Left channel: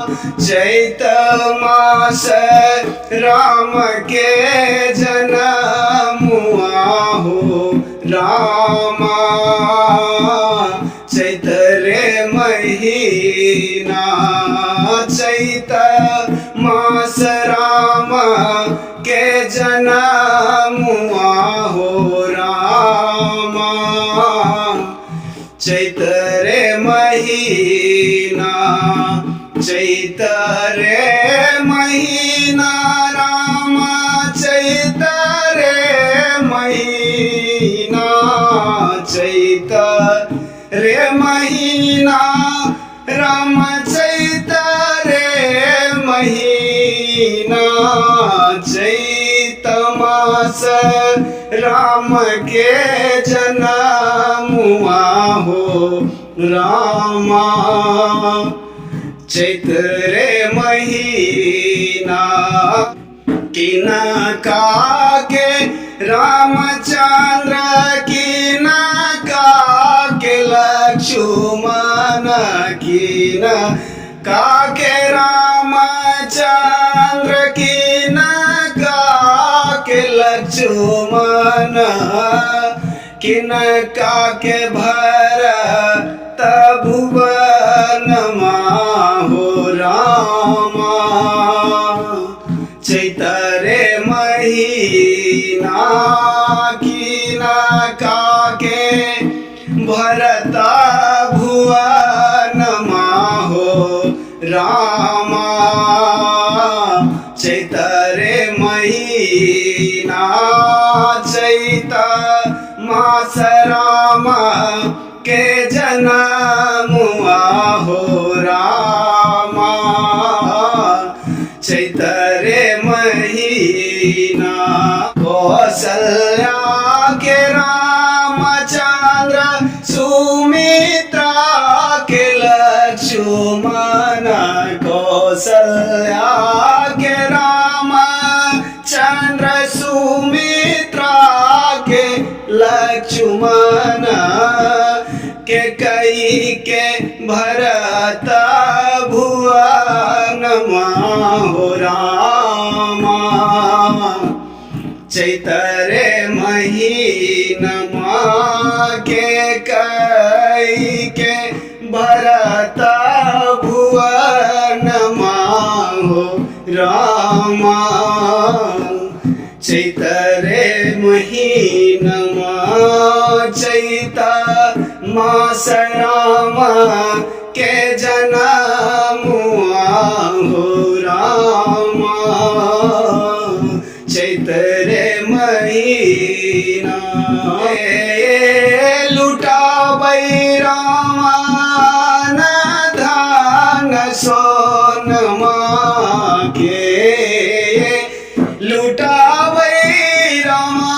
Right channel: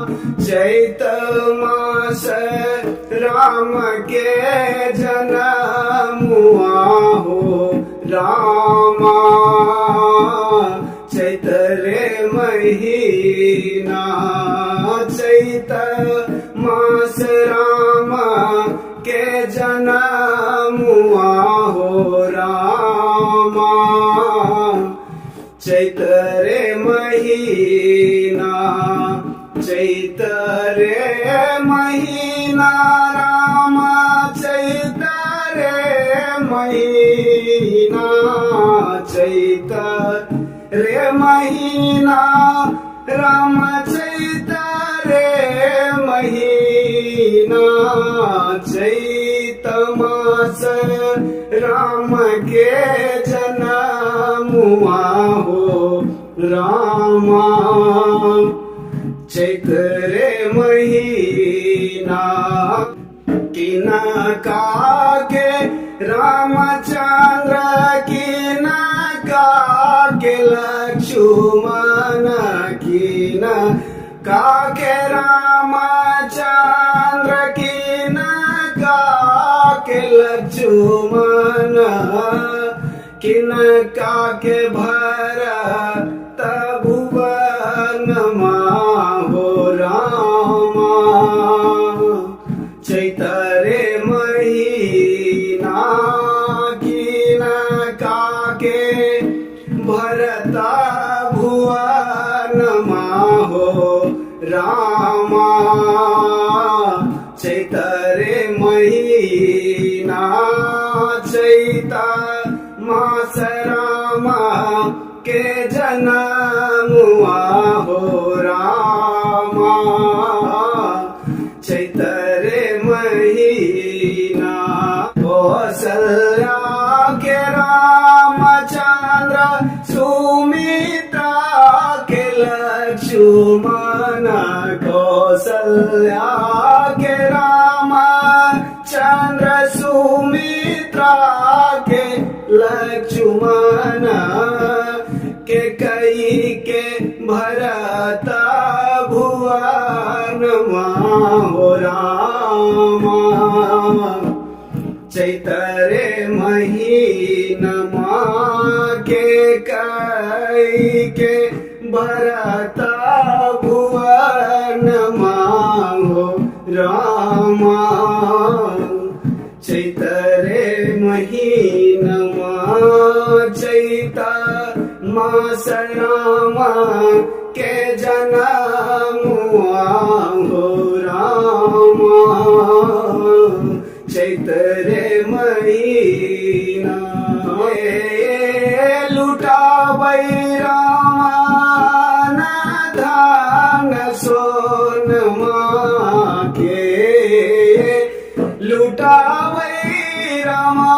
चैत मास राम के जनमुआ हो रामा। चैत रे महीना चैत मास राम के जनमुआ हो रामा। चैत रे महीना चैत रे महीना रामा। चैत रे महीना चैत रे महीना राम। चैत रे महीना चैत मास राम के जनमुआ हो रामा। चैत रे महीना किनका के रामचंद्र किनका के लक्ष्मण किनका के रामचंद्र किनका के लक्ष्मण किनका के भरत भुवन हो रामा। चैत रे महीना किनका के भरत भुवन हो रामा। चैत रे महीना चैत मास राम के जनमुआ हो रामा। चैत रे महीना कौशल्या के रामचंद्र सुमित्रा के लक्ष्मण। कौशल्या के रामचंद्र सुमित्रा के लक्ष्मण के कई के भरत भुवन हो रामा। चैत रे महीनमा के कई के भरत भुवन हो रामा। चैत रे महीनमा चैत मास राम के जनमुआ हो रामा। चैत रे महीना लुटाबै रामा न धन सोनमा के। लुटाबै रामा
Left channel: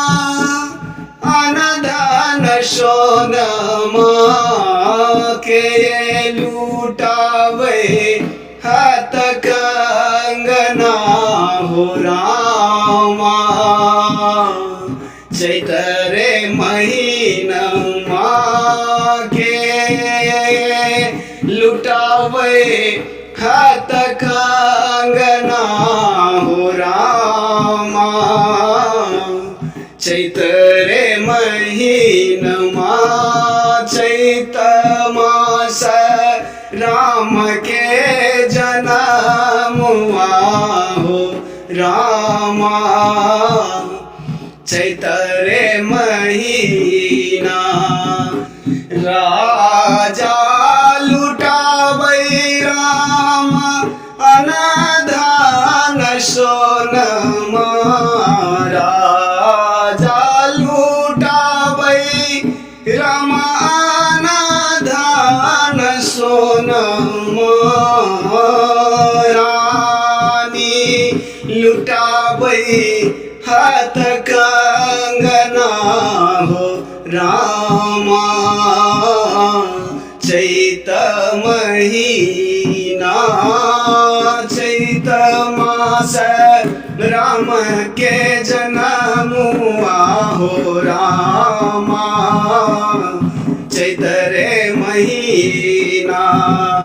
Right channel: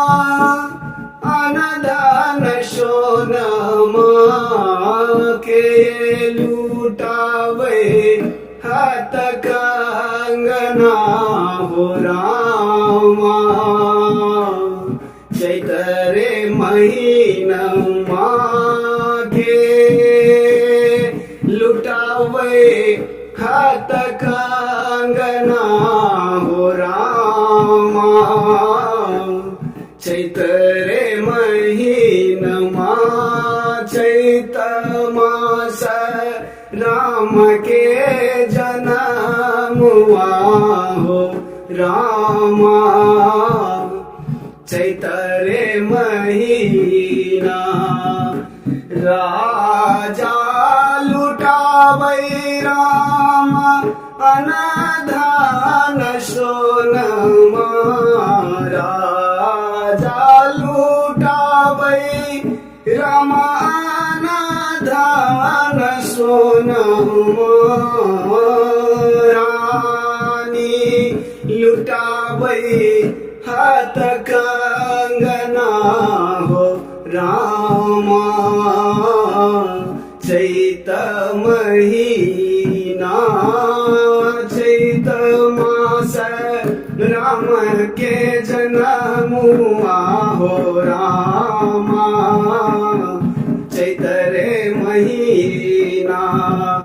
अनधन सोनमा के। लुटाबै हाथ कंगना हो रामा। चैत रे महीनमा के लुटाबै हाथ कंगना हो रामा। चैत रे महीनमा चैत मास राम के जनमुआ हो रामा। चैत रे महीना राजा लुटाबै राम अनधन सोनमा। राजा लुटाबै राम अनधन सोनमा। रानी लुटाबै हाथ कंगना हो रामा। चैत महीना चैत मास राम के जनमुआ हो रामा। चैत रे महीना